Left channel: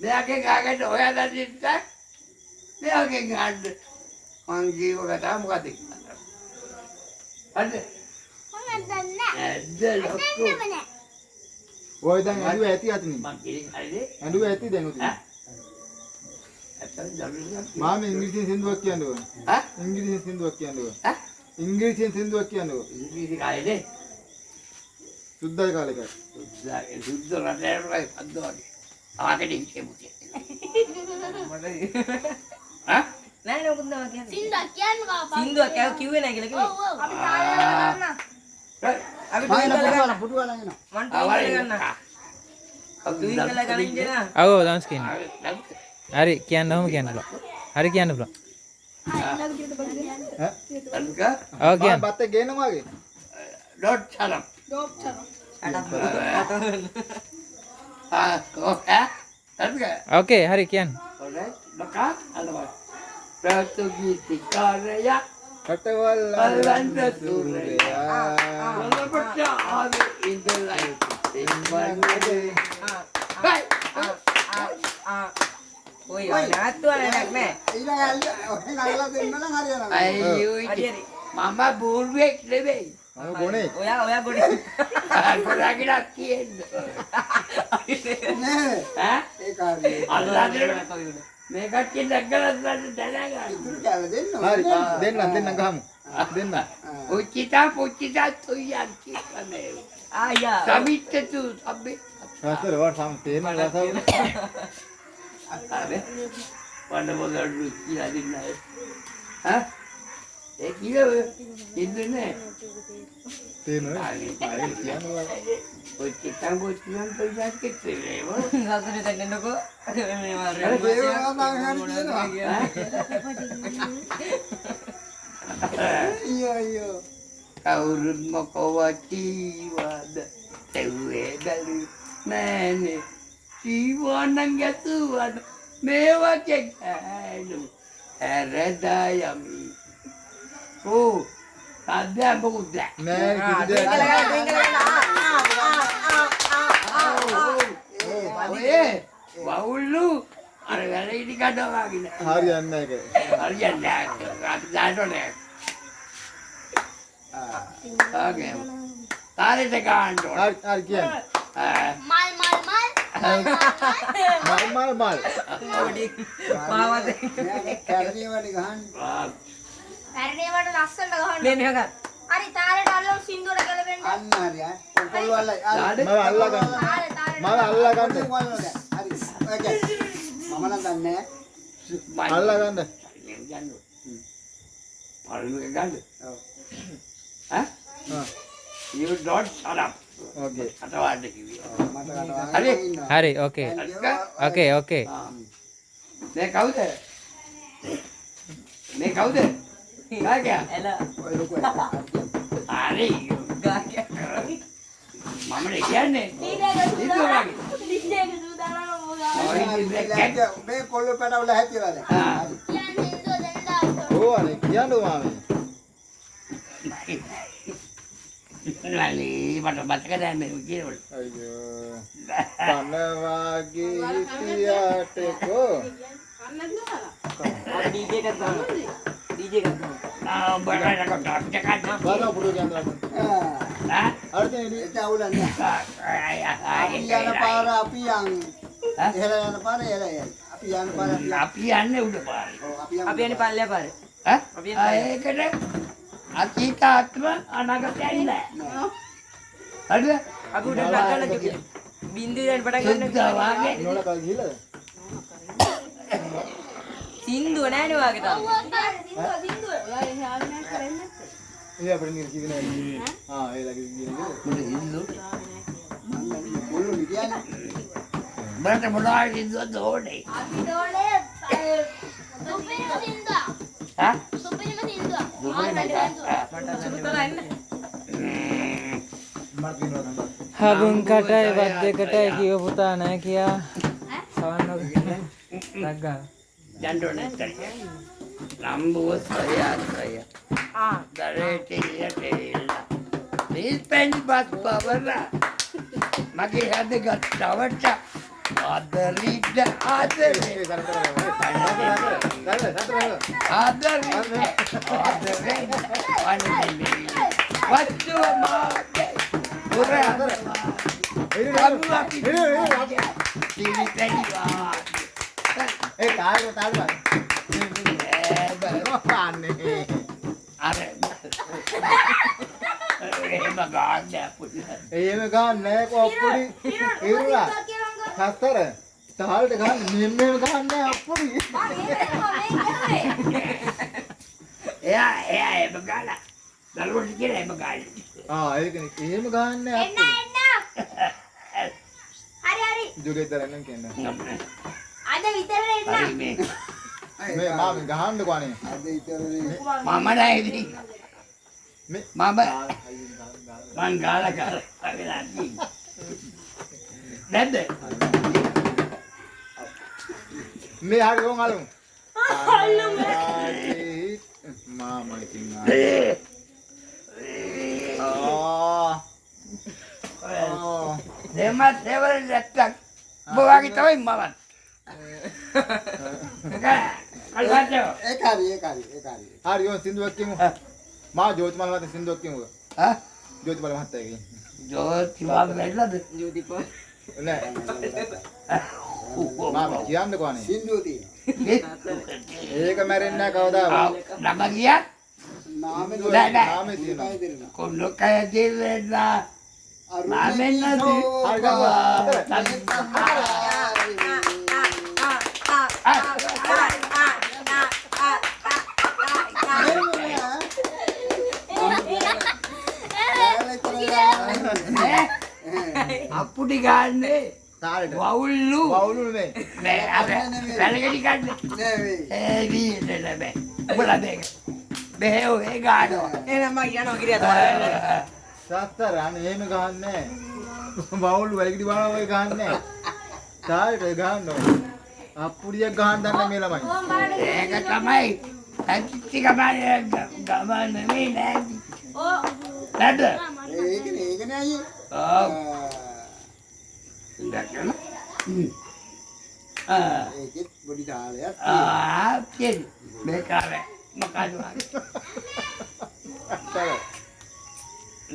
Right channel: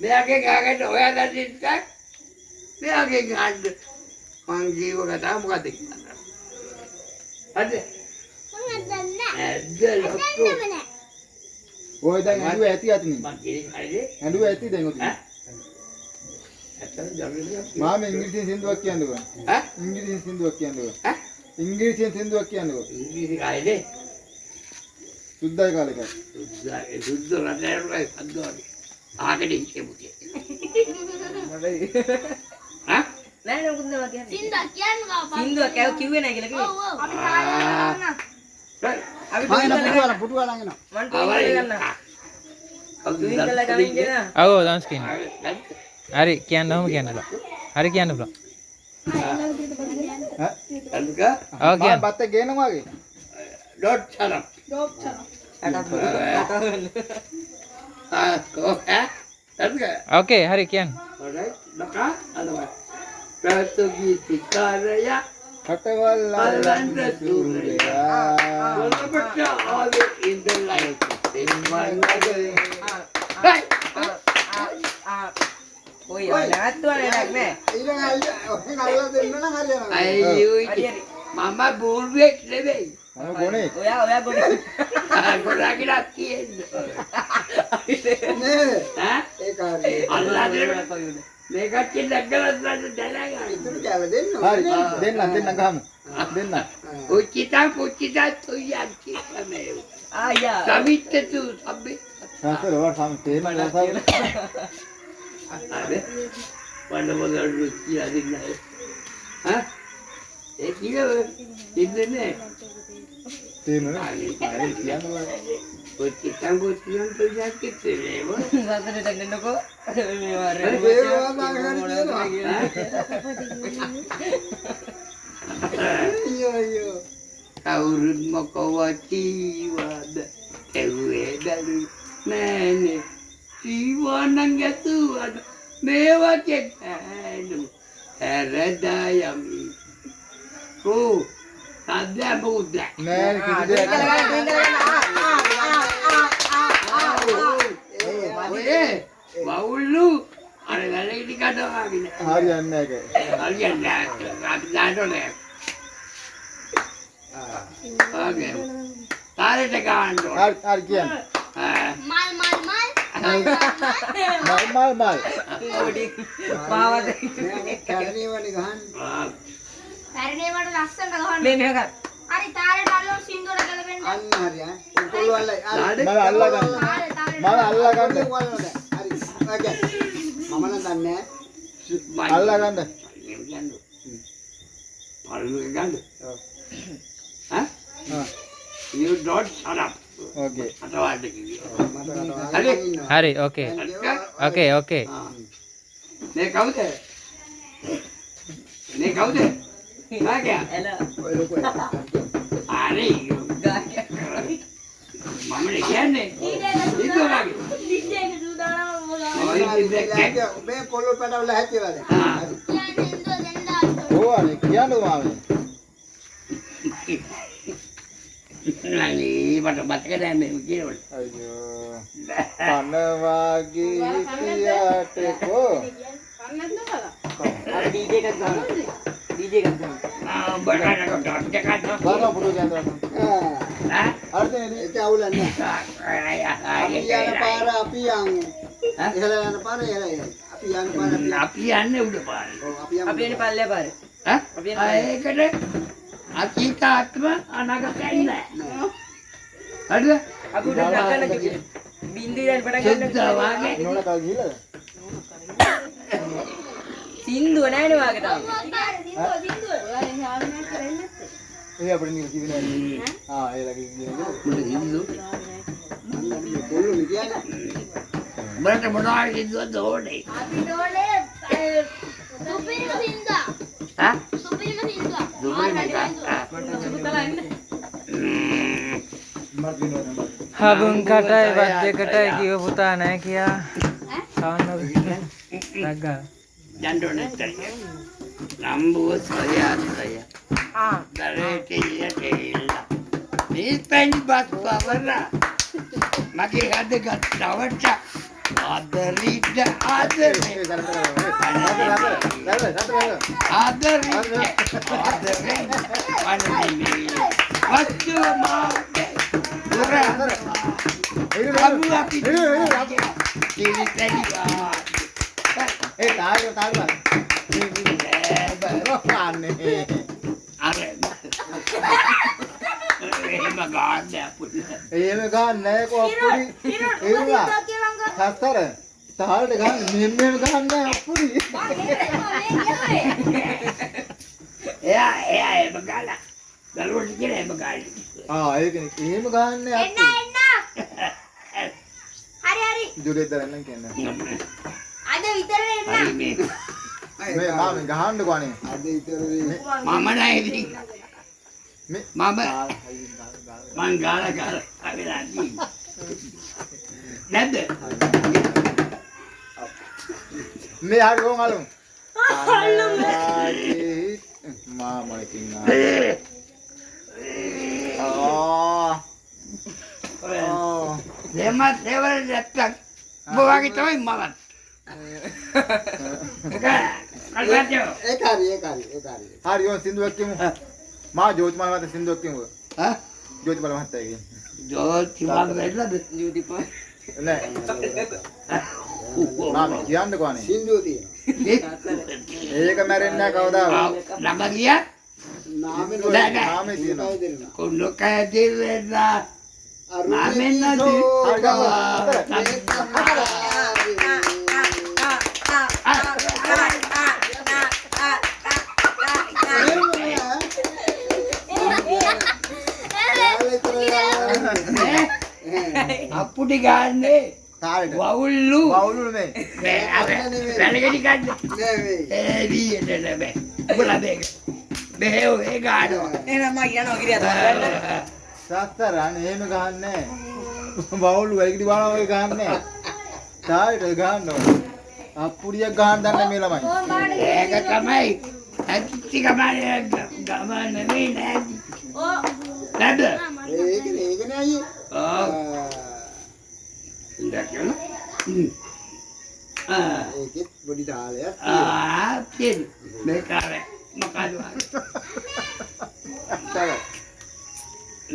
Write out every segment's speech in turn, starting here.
මෙයාගේ ගාකට ඔයාලා දිස්ස මෙයාගේ ගාන්න මං ජීව කතා මොකද කියන්නේ අද මම දන්නේ නැහැ ඔය දැන් ඇඬුව ඇති අතනින් මං කියන්නේ හරිද ඇඬුව ඇති දැන් උතින් ඇත්තට ජරුරියක් මාම ඉංග්‍රීසියෙන් සින්දුවක් කියන්නකෝ ඈ ඉංග්‍රීසියෙන් සින්දුවක් කියන්නකෝ ඈ ඉංග්‍රීසියෙන් සින්දුවක් කියන්නකෝ ඉංග්‍රීසි කාලේ සුද්දයි කාලෙක සුද්ද රටේරුයි අද්දෝනේ ආකෙදි හිටෙමු නෑ නෑ මොකද කියන්නේ සින්දුවක් කියන්න බා සින්දුවක් කිව්වේ නෑ කියලා කිව්වේ අපි තායලා අපි පුටුවා ළඟ එනවා මන් ටීවී ගන්න ටීවී කරලා ගන්න ඉන්නවා අව දවස් කියන්න හරි කියන්න ඕම කියන්න බා හරි කියන්න බා අල්ක ඔව් කියන්න බත් ගේනවාගේ ඩොට් චරම් අල්ක ඕකේ හරි කියන්න alright naka alwa ප්‍රාතෝගීතිකාරය කටවල් අල්ලන්න සූර්යයා වලපට ආවේ ඉඳලයි දෙන්නගේ ඔය නැත්තුවනේ නෑ අයියෝ මම බූර්වෙක් නෙවෙයි මම ගොනේ ඔයා ගොඩේ ගොඩාගිලා තියෙන්නේ නේ ඈ ඒ කාර්යය අල්ලාගෙන මේ කච්චි දැක්කලත් දැනගන්න ඉතුරු කැල දෙන්න හරි දෙන්න ගහමු දෙන්න පුච්චිතා තුයන් කිව්වනේ ආයා සමිත්තතු සබ්බේ හතර වට සම තේන රසාව අබේ වඩ රුචි අදින්නයි ඈ ඒ කිලව ඉන්නේ තේන හරි කියනවා පුච්චිතන් තුයන් කිව්වේ සතර දෙන්නකෝ මේ වාරේ අයියෝ කවුරුත් මොකවටීවද එව්වේ බැලු නෑනේ ජීවනං ගැතුවද මේ වගේ ඇනු හැරදා යමි ඕ සද්දා බුද්ද නෑ කිසි දෙයක් ඔය වවුල්ලු අර ගලෙදි කඩවාගෙන හරියන්නේ නැහැ හරියන්නේ අපි දාන්නෝනේ ආගේ තාරේට ගන්න ඕන හරි කියන්නේ මල් මල් ඔඩි පාවද කර්ණීවනේ ගහන්න පැරණේ වට ලස්සනට ගහන්න මේ මෙහෙ ගන්න හරි තාරේට අල්ලමු සින්දුවට ගලපෙන්න අන්න හරි කොල්ලෝ අල්ලයි මම අල්ලා ගන්න මම අල්ලා ගන්න හරි ඕකේ මම නම් දන්නේ අල්ලා ගන්න ගන්න පළු ගන්න ඔව් ඈ you don't shut up ඕකේ අතවාඩ කිව්වේ මට හරි හරි ඕකේ ඕකේ ඕකේ මේ කවුද මාගයා එල ඔය ලොකු හරි ගාකිය මම කියන්නේ ඉතෝගේ ලිස්ට් සූදානම් මේ කොල්ලෝ පැටවල හැතිරලා හරි කියන්නේ සින්දුව දෙන්න ආන්න ඕ අනේ කියන්න මාමේ නංගි මට මතක නැහැ මේ කියනවල අයියෝ පනවාගේ හිටියට කෝ අපි ඩීජේ එකක් දානවා ඩීජේ එකක් දානවා බඩට කොට දෙකක් ගාන පුරු කියනවා ඈ අර්ථනේ ඒක අවුලන්නේ යන පාර අපි යන් ඉහළ යන පාර ඉහළ යයි අපි යන පාර අපි යන්නේ උඩ පාරේ ඔව් අපි යමු අපි එන්නේ පල්ලෙය පාරේ ඈ ඒකට අතීතාත්ම අනාගතයයි නෑ හරිද අපි උඩ නගන්න කිව්වේ බින්දුවෙන් පටන් ගන්න සුද්ධවාගේ නෝන කල් ගිහලා සින්දුව නෑනේ වාගේ තාම ඒ අපිට නිකන් කිව්වේ නෑ ආ ඒ ලගේ කියන්නේ කොල්ලෝ කියන්නේ මට මොනවද කිව්වද ඕනේ අපි දෝලේ සුපිරිම සින්දුව ඈ සුපිරිම සින්දුව දුබයි නේද මට වෙනවා හබුන් කටයි වත් දෙකටයි කිව පුතා නැහැ කියා සවන්න රග්ගා යන්නෝනේ තරිය නම්බුව සොයාත්‍රය දරේට ඉයට එල්ල මේ පැණි බත් බවලා මගේ හද ගත්තවට ආදරිට ආදරේ එහෙම ගන්නෑ කොප්පුඩි ඒරුලා සතර තාලට ගන්න මෙහෙම ගන්න අප්පුඩි එයා එහෙම ගාලා දරුවට කියලා එහෙම ගාලා ඒකනේ එහෙම ගන්න එන්න අප්පුඩි එන්න. හරි. ජුගෙත් දරන්න කියන්නේ අද විතර එන්න. හරි මේ මේ මාමි ගහන්නකෝ අනේ අද ඉතරේ මම නෑ ඉතින් මේ මම ගාලා අගලා නැද්ද මේ හරි ඕන් අලුම් මාමලකින් දෙමත් දෙවල් නැත්තම් බොවාගේ තමයි මමත් අල්බාටෝ ඒක හරි හරි ඕන් සින්දුවක් කියමු මා ජෝතිමාල මහත්තයා සින්දුවක් කියමු හා ජෝතිමාල මහත්තයාගේ ජෝති වගේ වෙන්නද නෑ මාමි කියන්නකෝ අනේ සින්දුව තියෙනවා ඒක මැරෙන්නේ නැහැ කවදාවත් නම ගියා නාමෙ මාමේ තියෙනවා දෙන්නා කොන්නකය දෙවෙලා මාමෙන් නැති හරි ගමු අප්පුටි ගන්නේ තාලෙට වවුල්ලු වවුලු මේ මේ අර වැලගෙඩි ගන්න ඒ දී දෙලබේ උඹලා දෙක බෙහෙව ඒ ගන්නවා එහෙනම් මම යනවා කිරියා සත්තර අනේ එහෙම ගහන්නේ වවුලු වැලකිටි බානවා වගේ ගහන්නේ තාලෙට ගහනවා අප්පුඩියක් ගහන්න දන්නේ මේ ළමයි ඒක තමයි ඇත්ති ගමන ගමන නෙමෙයි නැති නැද ඒකනේ අයියේ දැක්කම ඒකෙත් පොඩි තාලයක් තියෙන මේකාර මොකද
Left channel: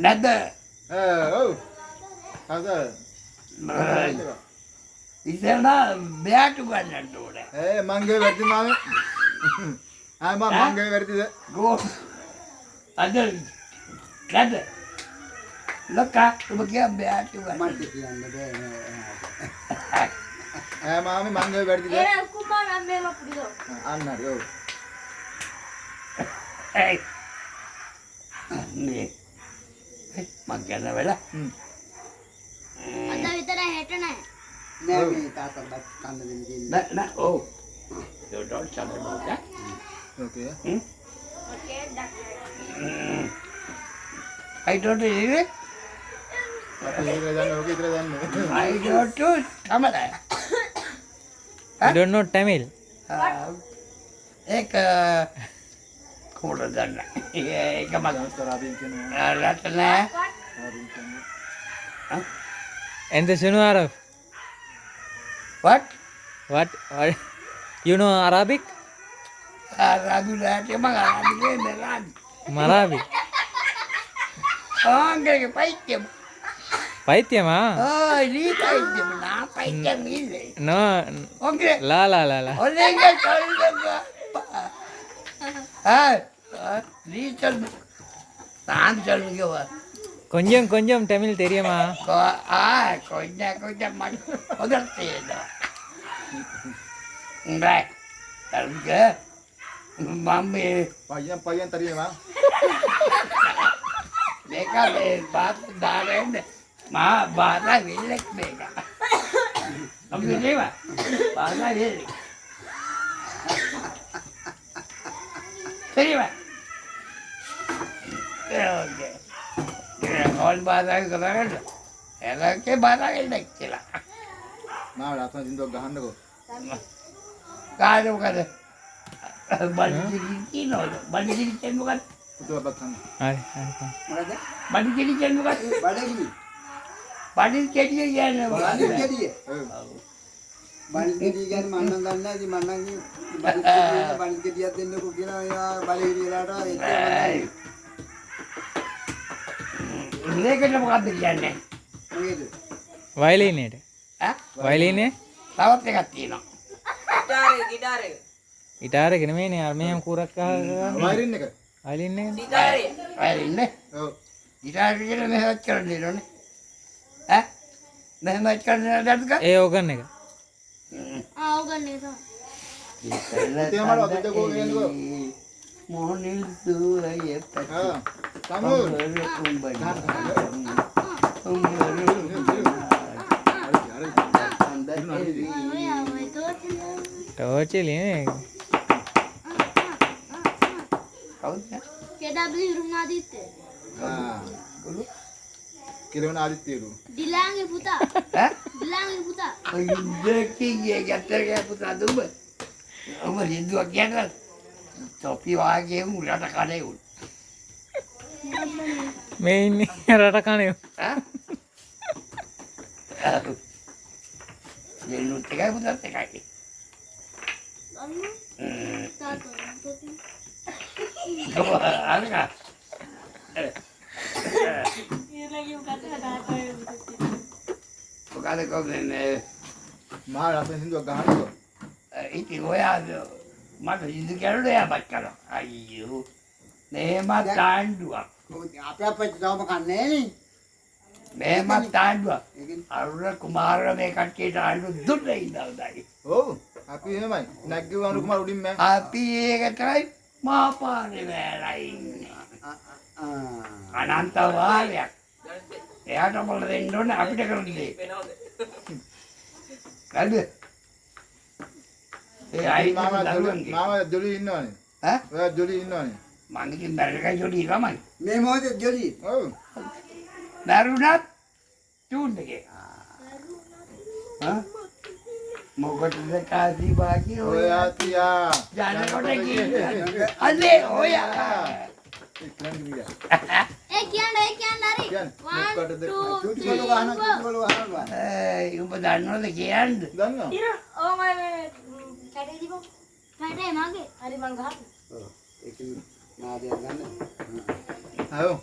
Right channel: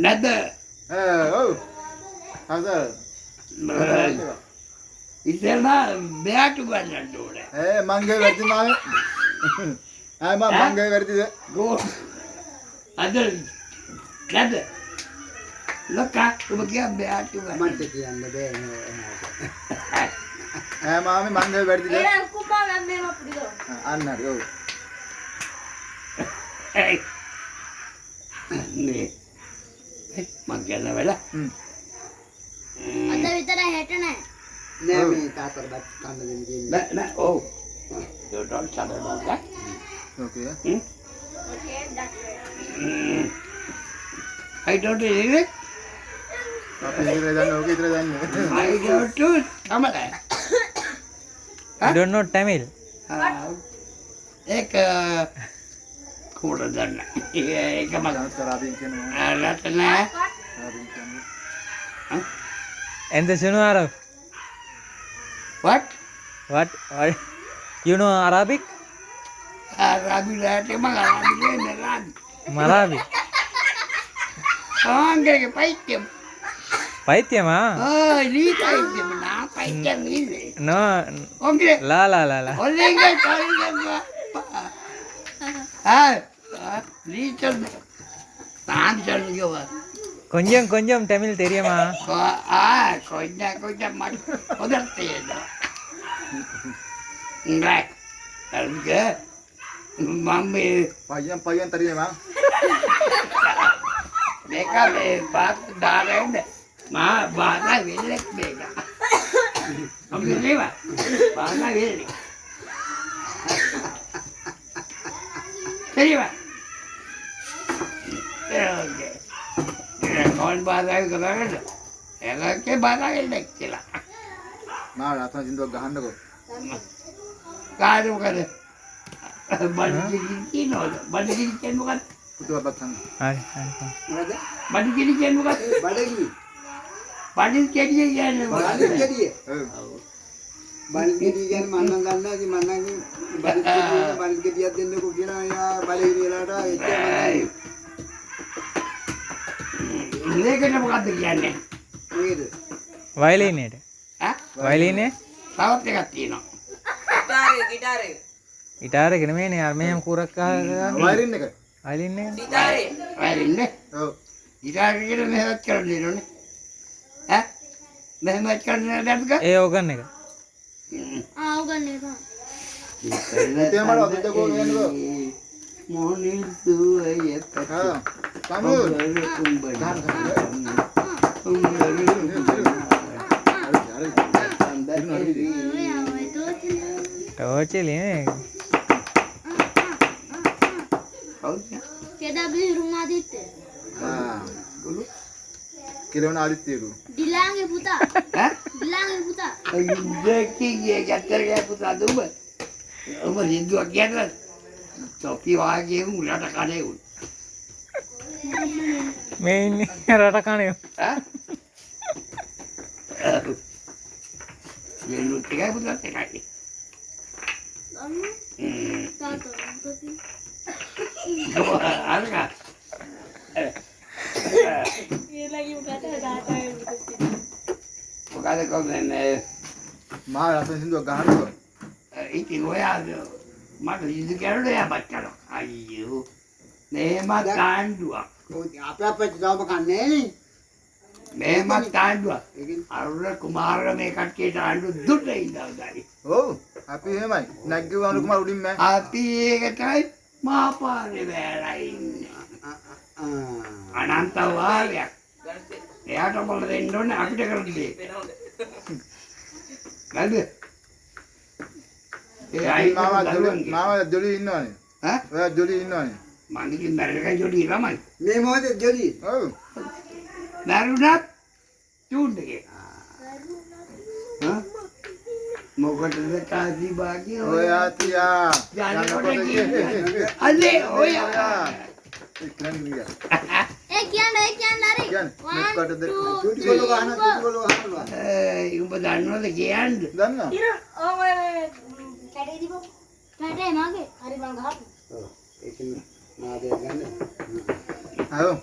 නැද ඔව් හසර් ඉතින් බෑට ගන්නට ඕනේ මංගේ වැඩි මාමේ මංගේ වැඩිද ගෝ අද නැද ලොකා ඔබ කිය බෑට ගන්න මට කියන්න බෑ නෝ මාමේ මංගේ වැඩිද එන කුඹා නම් මේම පුඩිදෝ. අන්න හරි ඔව් ඒ නේ මං ගන්න වෙලා අද විතර හෙට නැහැ. නෑ මේ තාත්තට බත් කන්න දෙන්න කියන්නේ නෑ ඔව් don't tell her about that okay Okay, that's I don't believe it අපි ඉතල දන්නේ ඕකේ ඉතල දන්නේ I don't do Tamil You don't know Tamil? एक खोड़ दंड एक मजा තරාදීන් කියනවා रत्न තරාදීන් කියන්නේ And the Shunu Arab? what What? You know Arabic? Rabi lati mga Rabi ni Ran Marabi? ang gaya paitem Paityama? ni paitem na paitem ni No. okay La la la la. oleh gaya kalau ni chal tan chal yo கொஞ்சம் தமிழ் தெரியுமா? கொஞ்சம் உதர்த்தியது அதுக்கு mummy பையன் தெரியுமா மேக்கா பார்த்து தாரேன் மா பாதா இல்லை மேக்கா அப்படி இல்லையா பாதா இல்லை சரிவா ஓகே कौन बाधा करेगा ऐसा के बाधा के नहीं चला මා රත්න සින්දුවක් ගහන්නකෝ කාරෝ කර බඩගිනි කිනෝ බඩගිනි කෙන්න මොකද හරි හරි. මොකද? බඩු කෙඩි කියන්නේ මොකක්ද? බඩගිනි. බඩු කෙඩි කියන්නේ බඩ මොකක්ද? ගෙඩිය. බඩ ගෙඩිය කියන්නේ මම නම් දන්නේ නැහැ. ඉතින් මම නම් බඩ ගෙඩියක් දෙන්නකෝ කියලා ඒවා බඩගිනි වෙලාට එච්චර මේකට මොකක්ද කියන්නේ? මොකේද? වයලීනේට. ඈ? වයලීනේ තවත් එකක් තියෙනවා. ගිටාරේ ගිටාර එක නෙමෙයිනේ අර මෙහෙම කුරක් අහගෙන වයරින් එක. වයලීනේ. වයරින්නේ. ඔව්. ගිටාර් එකේ මෙහෙවත් කරන්න ඕනේ. ඈ? මෙහෙමත් කරන්න දැක්ක? ඒ ඕගන් එක. ආ උගන්නේ තමයි. තියමල දෙදකෝ එන්නකෝ. මොනිල් සුවය ආ. තමු. ටෝචිලේ. KW රුණාදිත්‍ය. ආ. කිරවන ආදිත්‍යලු. ඩිලාගේ පුතා. ඈ? ඩිලාගේ පුතා. දෙකේ ගැටරේ පුතා දුබ. ඔබ හින්දුවක් කියනවා. තොපි වාගේ උලට කනේ උන්. මේ ඉන්නේ රට කනේ. ඈ? යෙලු ටිකයි පුතාත් එකයි. තාත්තා පුතේ. අරගා. ඊළඟ උකට තාත්තා පුතේ. මොකද කොහොමද මහා රස සින්දුවක් ගහන්නකෝ. ඉතින් ඔයා මට ඉඳි කරුණේ යාපත් කරනවා. අයියෝ. මෙහෙම තාණ්ඩුවක්. අපේ අපේ ගාම කන්නේ නේ. මෙහෙම තාණ්ඩුවක්. ඒකෙන් අරුණ කුමාර මේ කට්ටියට ආණ්ඩු දුන්නේ ඉඳල්දායි. ඔව්. අපි එහෙමයි. නැග්ගව අනුර කුමාර උඩින් මෑ. අපි ඒකටයි මාපාරේ වැරලා ඉන්නේ. අනන්ත වාරයක්. එයාට මොකද දෙන්න ඕනේ අපිට කරන්න දෙයක්. කල්ද? ඒ අයි මාව ජොලි ඉන්නවනේ. ඈ? ඔයා ජොලි ඉන්නවනේ. මං ඉතින් මැරෙකයි ජොඩි ළමයි. මේ මොහොතේ ජොලි. ඔව්. මැරුණත් චූන් එකේ. හා? මොකටද කාසි බාකි ඔයා තියා. යනකොට කියන්නේ. අනේ ඔයා. ඒ කියන්නේ හරි. කියන්නේ. 1 මොකටද? 2 චුටිගොල්ලෝ ගහනවා චුටිගොල්ලෝ ගහනවා. ඒ උඹ දන්නවද කියන්නේ? දන්නවා. ඔය කැටේ දීපො. කැටේ මාගේ. හරි බං ගහපු. ඔව්. ඒකෙන් නාදයක් ගන්න. ආවෝ.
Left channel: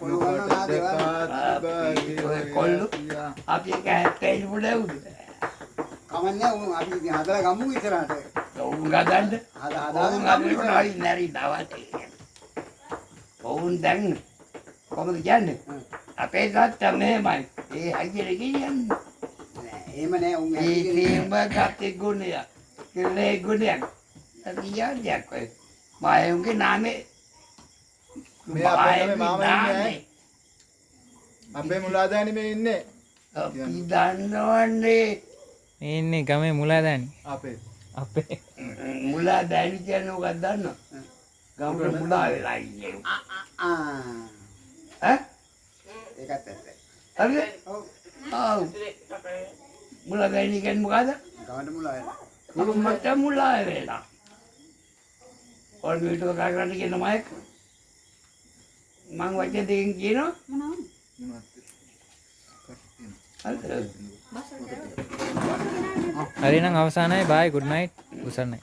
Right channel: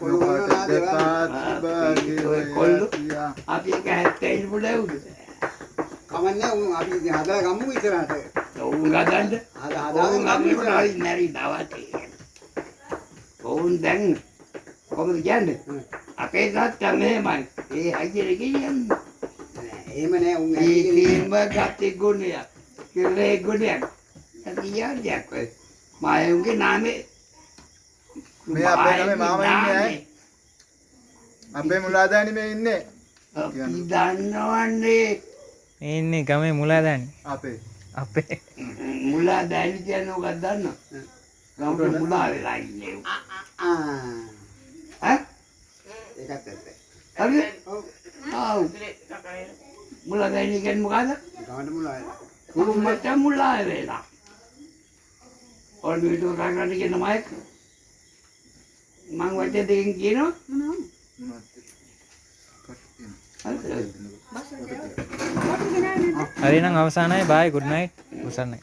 මොකටද කාසි බාගේ කොල්ලෝ. තියා. අපි එක හැප්පෙන්න පුළුවන්ද? කමන්නේ උන් අපි හදලා ගමු ඉස්සරහට. උන් ගදන්න. හදාගෙන අපි හරි නැරි දවටේ. ඔවුන් දැන් කොහොමද කියන්නේ? අපේ තාත්තා මෙහෙමයි. ඒ අයියේ කියන්නේ. එහෙම නෑ උන් ඒ තේම ගත්තේ ගුණයක්. කෙලේ ගුණයක්. අදියාඩයක් වෙයි. මායුගේ නාමේ මේ අපේ ගමේ මාමා ඉන්නේ ඈ. අපේ මුලාදෑනි මේ ඉන්නේ. අපි දන්නවන්නේ ඉන්නේ ගමේ මුලාදෑනි. අපේ. අපේ. මුලා දැනි කියන උගක් දන්නව. ගමට මුලා වෙලා ඉන්නේ. ඈ? ඒකත් ඇත්ත. හරිද? ඔව්. ආව්. මුලා දැනි කියන්නේ මොකද්ද? ගමට මුලා වෙලා. කුරුම්මට මුලා වෙලා. ඔන්න විතර කාකට කියන මයික්. මං වචන දෙකකින් කියනවා. මොනවද? හරිද? හරි නම් අවසానයි බයි good night උසන්නයි.